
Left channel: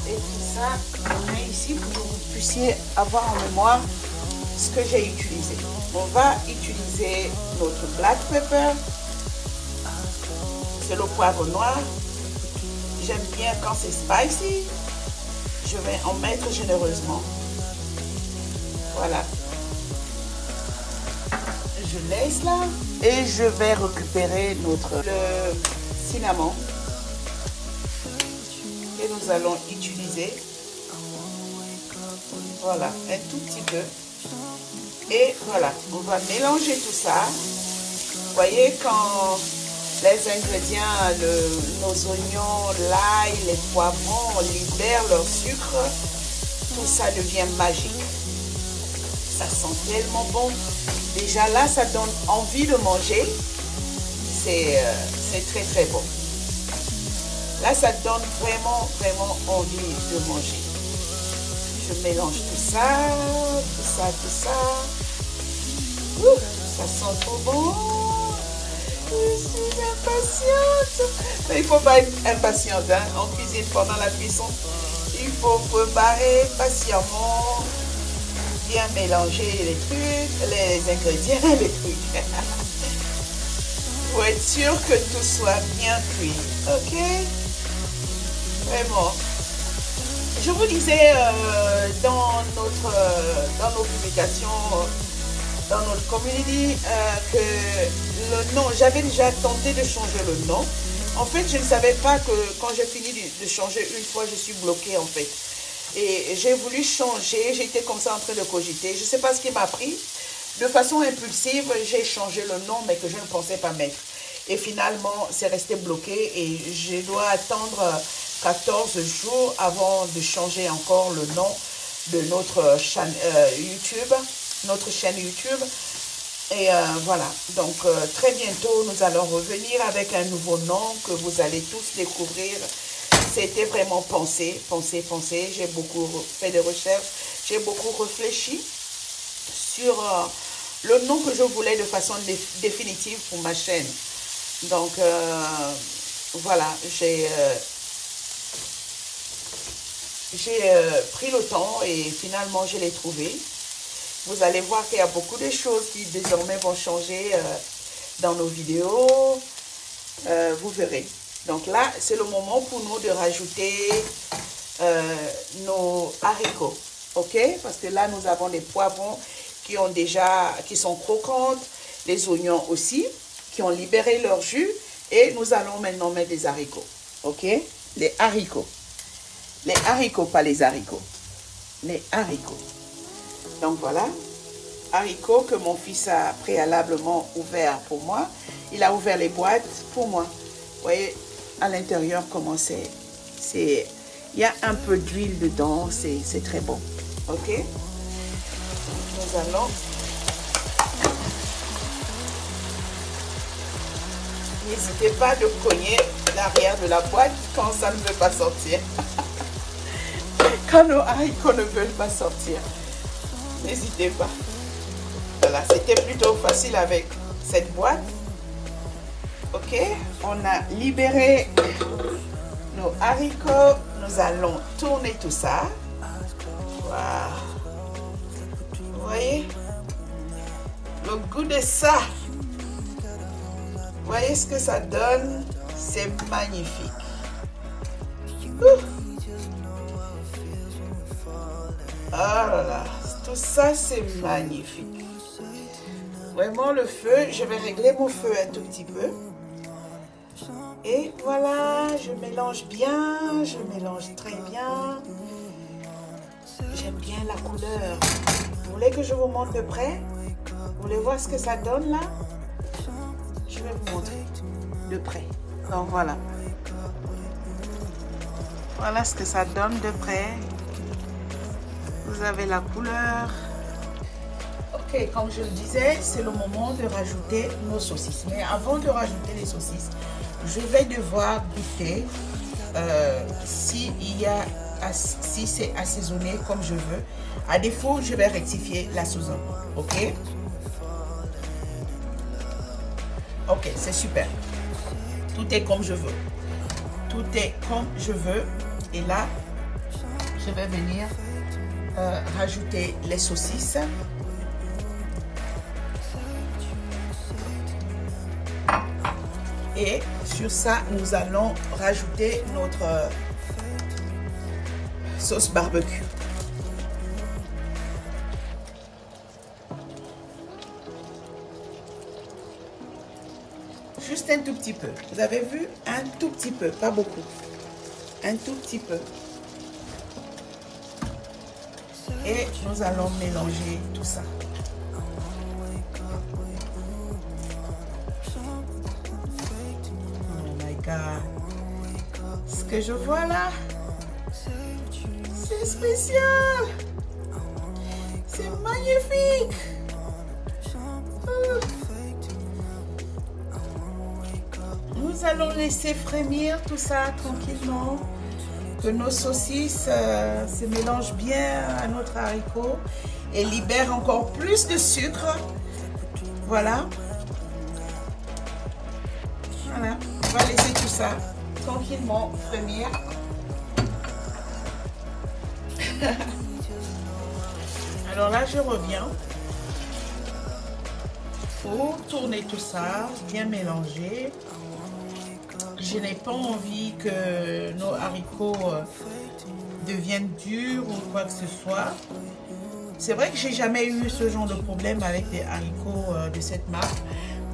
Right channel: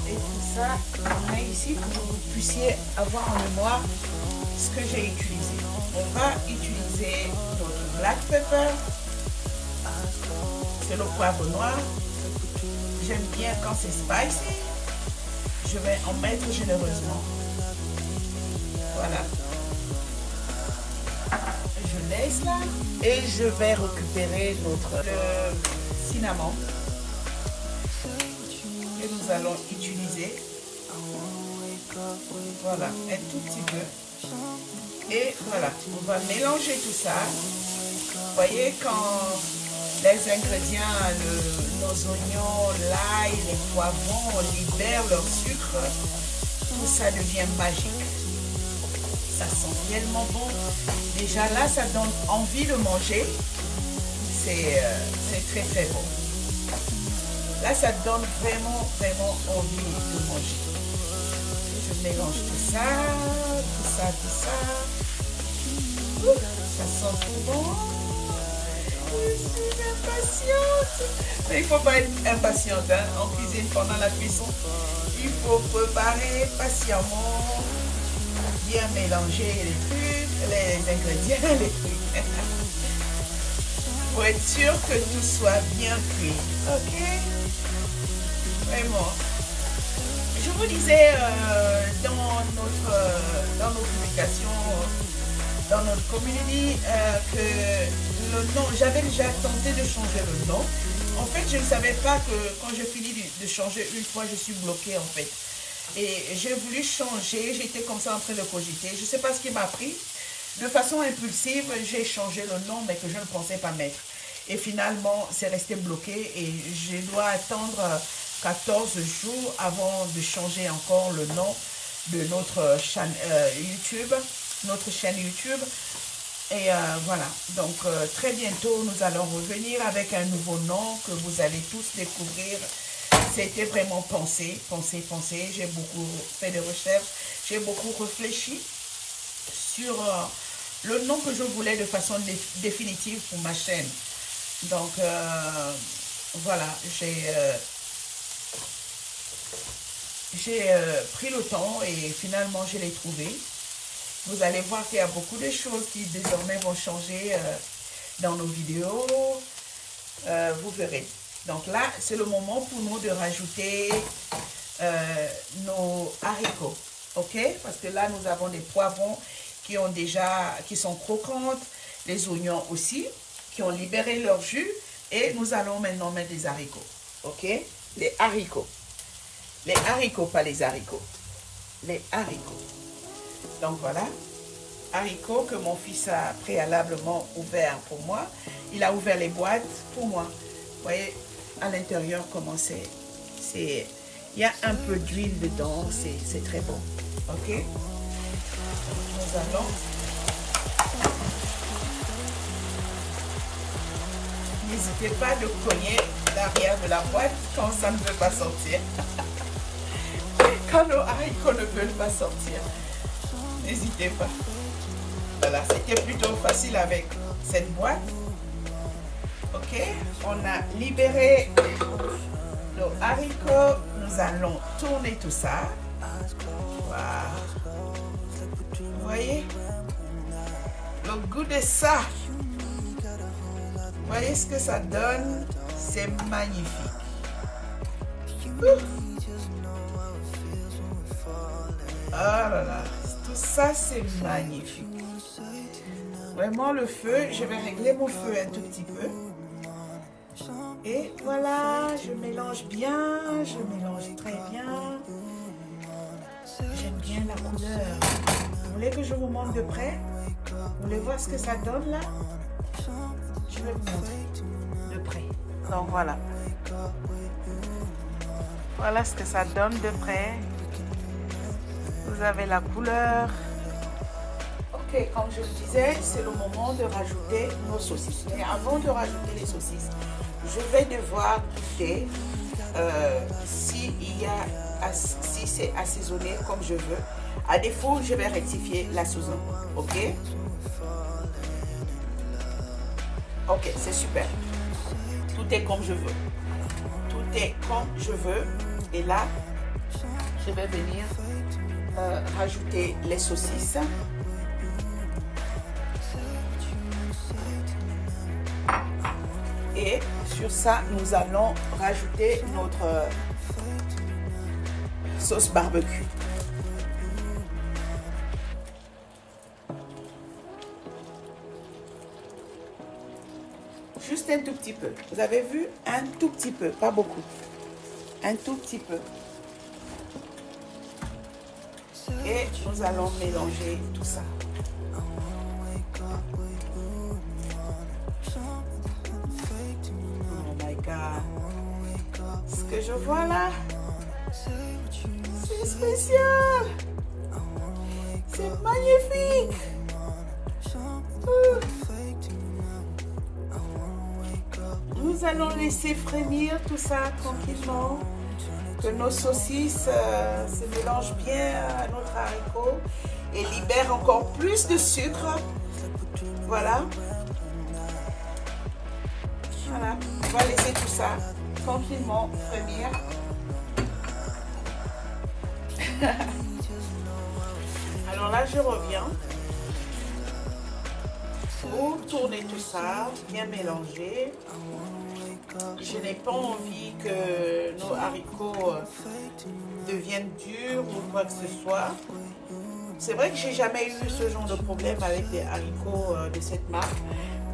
Et tout ça, on met ici pour que vous puissiez avoir en mémoire ce que j'ai utilisé. On va utiliser notre black pepper, c'est le poivre noir. J'aime bien quand c'est spicy. Je vais en mettre généreusement. Voilà. Je laisse là et je vais récupérer le cinnamon que nous allons utiliser. Voilà, un tout petit peu. Et voilà, on va mélanger tout ça. Vous voyez, quand les ingrédients, nos oignons, l'ail, les poivrons libèrent leur sucre, tout ça devient magique. Ça sent tellement bon. Déjà là, ça donne envie de manger. C'est très très bon. Là, ça donne vraiment envie de manger. Je mélange tout ça, tout ça, tout ça. Ouh, ça sent trop bon. Je suis impatiente. Mais il ne faut pas être impatiente hein, en cuisine pendant la cuisson. Il faut préparer patiemment, bien mélanger les trucs, les ingrédients, les trucs. Pour être sûr que tout soit bien cuit. Ok? Vraiment. Je vous disais dans nos publications, dans notre community, que le nom, j'avais déjà tenté de changer le nom. En fait, je ne savais pas que quand j'ai fini de changer une fois, je suis bloquée en fait. Et j'ai voulu changer, j'étais comme ça en train de cogiter. Je ne sais pas ce qui m'a pris. De façon impulsive, j'ai changé le nom, mais que je ne pensais pas mettre. Et finalement, c'est resté bloqué et je dois attendre 14 jours avant de changer encore le nom de notre chaîne YouTube, Et voilà, donc très bientôt, nous allons revenir avec un nouveau nom que vous allez tous découvrir. C'était vraiment pensé. J'ai beaucoup fait de recherches, j'ai beaucoup réfléchi sur le nom que je voulais de façon définitive pour ma chaîne. Donc, voilà, j'ai pris le temps et finalement, je l'ai trouvé. Vous allez voir qu'il y a beaucoup de choses qui désormais vont changer dans nos vidéos. Vous verrez. Donc là, c'est le moment pour nous de rajouter nos haricots. Ok? Parce que là, nous avons des poivrons qui sont croquantes. Les oignons aussi, qui ont libéré leur jus. Et nous allons maintenant mettre des haricots. Ok? Les haricots. Les haricots, pas les haricots. Les haricots. Donc voilà, haricots que mon fils a préalablement ouvert pour moi. Il a ouvert les boîtes pour moi. Vous voyez à l'intérieur comment c'est. Il y a un peu d'huile dedans, c'est très bon. Ok? Nous allons... N'hésitez pas de cogner l'arrière de la boîte quand ça ne veut pas sortir. Quand nos haricots ne veulent pas sortir. N'hésitez pas. Voilà, c'était plutôt facile avec cette boîte. Ok, on a libéré nos haricots. Nous allons tourner tout ça. Voilà. Vous voyez le goût de ça. Vous voyez ce que ça donne? C'est magnifique. Oh là là. Ça, c'est magnifique. Vraiment, le feu, je vais régler mon feu un tout petit peu. Et voilà, je mélange bien, je mélange très bien. J'aime bien la couleur. Vous voulez que je vous montre de près? Vous voulez voir ce que ça donne là? Je vais vous montrer de près. Donc voilà. Voilà ce que ça donne de près. Vous avez la couleur. Ok, comme je le disais, c'est le moment de rajouter nos saucisses. Mais avant de rajouter les saucisses, je vais devoir goûter si c'est assaisonné comme je veux. À défaut, je vais rectifier la saison. Ok? Ok, c'est super. Tout est comme je veux. Tout est comme je veux. Et là, je vais venir rajouter les saucisses. Et sur ça, nous allons rajouter notre sauce barbecue. Juste un tout petit peu. Vous avez vu? Un tout petit peu, pas beaucoup. Un tout petit peu. Et nous allons mélanger tout ça. Oh my God. Ce que je vois là, c'est spécial. C'est magnifique. Nous allons laisser frémir tout ça tranquillement. Que nos saucisses se mélangent bien à notre haricot et libèrent encore plus de sucre. Voilà. Voilà. On va laisser tout ça tranquillement frémir. Alors là, je reviens pour tourner tout ça, bien mélanger. Je n'ai pas envie que nos haricots deviennent durs ou quoi que ce soit. C'est vrai que j'ai jamais eu ce genre de problème avec des haricots de cette marque.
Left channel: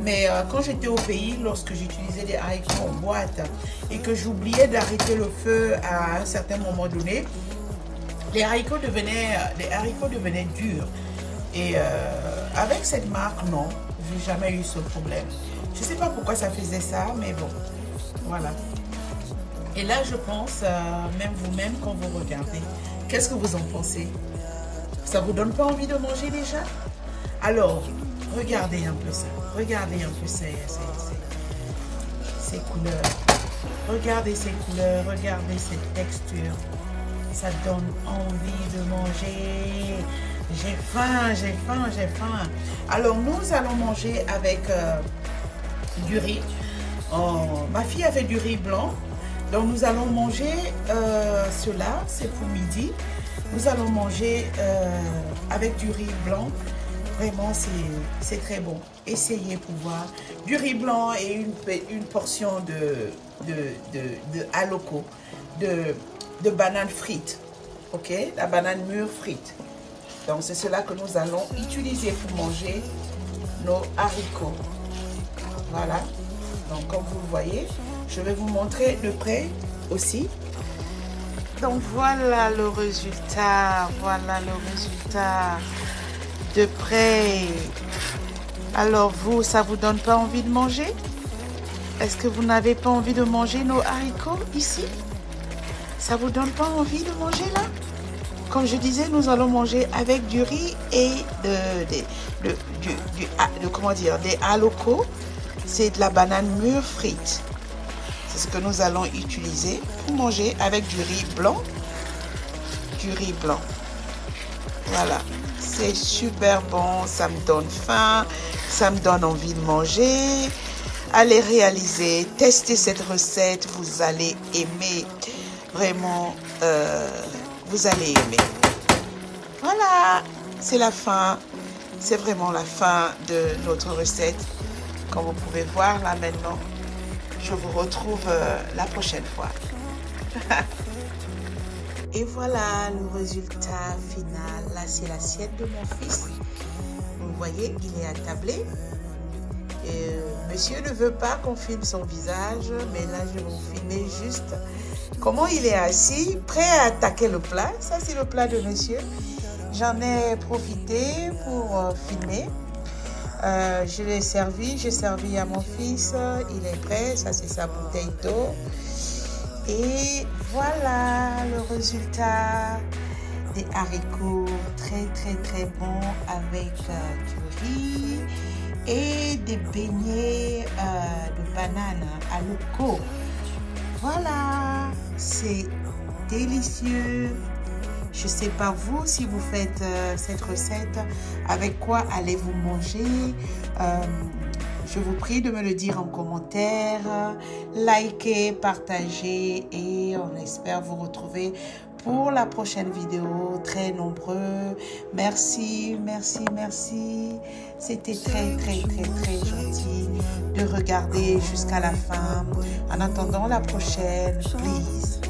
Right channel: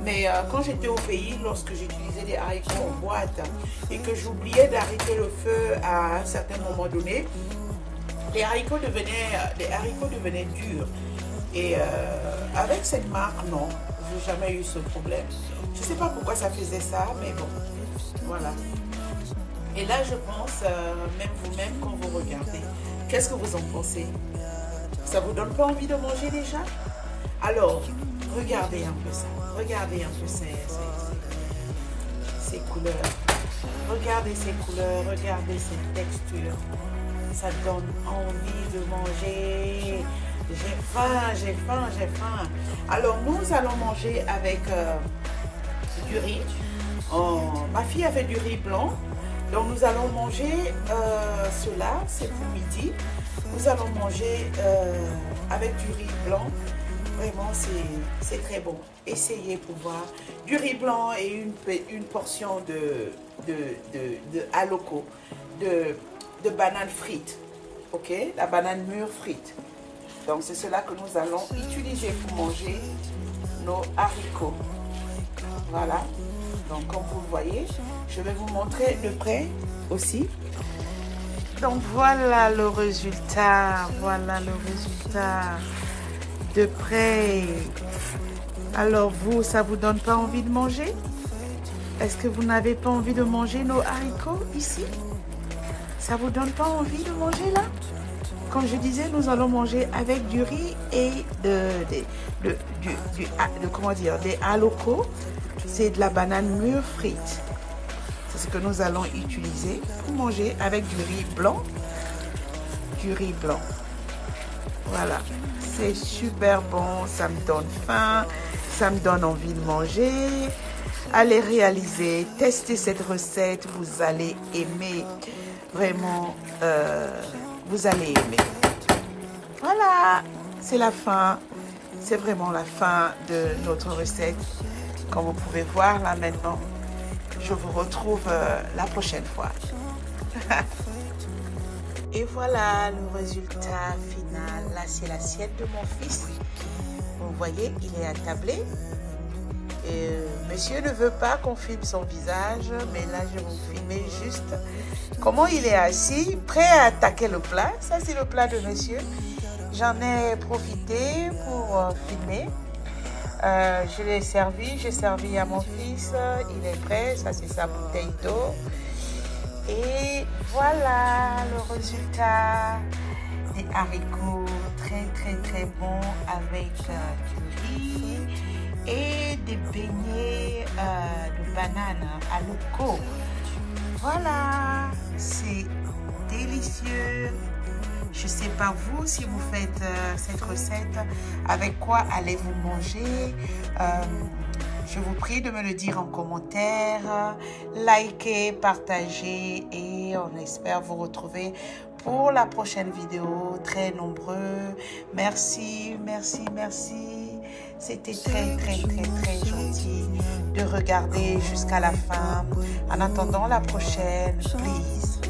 Mais quand j'étais au pays, lorsque j'utilisais des haricots en boîte et que j'oubliais d'arrêter le feu à un certain moment donné, les haricots devenaient durs. Et avec cette marque, non. j'ai jamais eu ce problème. Je sais pas pourquoi ça faisait ça, mais bon, voilà. Et là, je pense, même vous-même, quand vous regardez, qu'est-ce que vous en pensez? Ça vous donne pas envie de manger déjà? Alors, regardez un peu ça. Regardez un peu ces couleurs. Regardez ces couleurs, regardez cette texture. Ça donne envie de manger. J'ai faim, j'ai faim, j'ai faim. Alors, nous allons manger avec du riz. Ma fille avait du riz blanc. Donc, nous allons manger cela. C'est pour midi. Nous allons manger avec du riz blanc. Vraiment, c'est très bon. Essayez pour voir. Du riz blanc et une portion de haloco, de bananes frites. Ok? La banane mûre frite. Donc, c'est cela que nous allons utiliser pour manger nos haricots. Voilà. Donc, comme vous le voyez, je vais vous montrer de près aussi. Donc, voilà le résultat. Voilà le résultat de près. Alors, vous, ça vous donne pas envie de manger? Est-ce que vous n'avez pas envie de manger nos haricots ici? Ça vous donne pas envie de manger là? Comme je disais, nous allons manger avec du riz et comment dire, des haloco. C'est de la banane mûre frite. C'est ce que nous allons utiliser pour manger avec du riz blanc. Du riz blanc. Voilà. C'est super bon. Ça me donne faim. Ça me donne envie de manger. Allez réaliser. Testez cette recette. Vous allez aimer. Vraiment, vous allez aimer. Voilà. C'est la fin. C'est vraiment la fin de notre recette. Comme vous pouvez voir là maintenant, je vous retrouve la prochaine fois. Et voilà le résultat final. Là, c'est l'assiette de mon fils. Vous voyez, il est attablé. Monsieur ne veut pas qu'on filme son visage, mais là, je vais vous filmer juste comment il est assis, prêt à attaquer le plat. Ça, c'est le plat de monsieur. J'en ai profité pour filmer. Je l'ai servi, j'ai servi à mon fils, il est prêt, ça c'est sa bouteille d'eau. Et voilà le résultat des haricots très bons avec du riz et des beignets de banane à haloco. Voilà, c'est délicieux. Je ne sais pas vous, si vous faites cette recette, avec quoi allez-vous manger? Je vous prie de me le dire en commentaire. Likez, partagez et on espère vous retrouver pour la prochaine vidéo. Très nombreux. Merci, merci, merci. C'était très gentil de regarder jusqu'à la fin. En attendant la prochaine, please.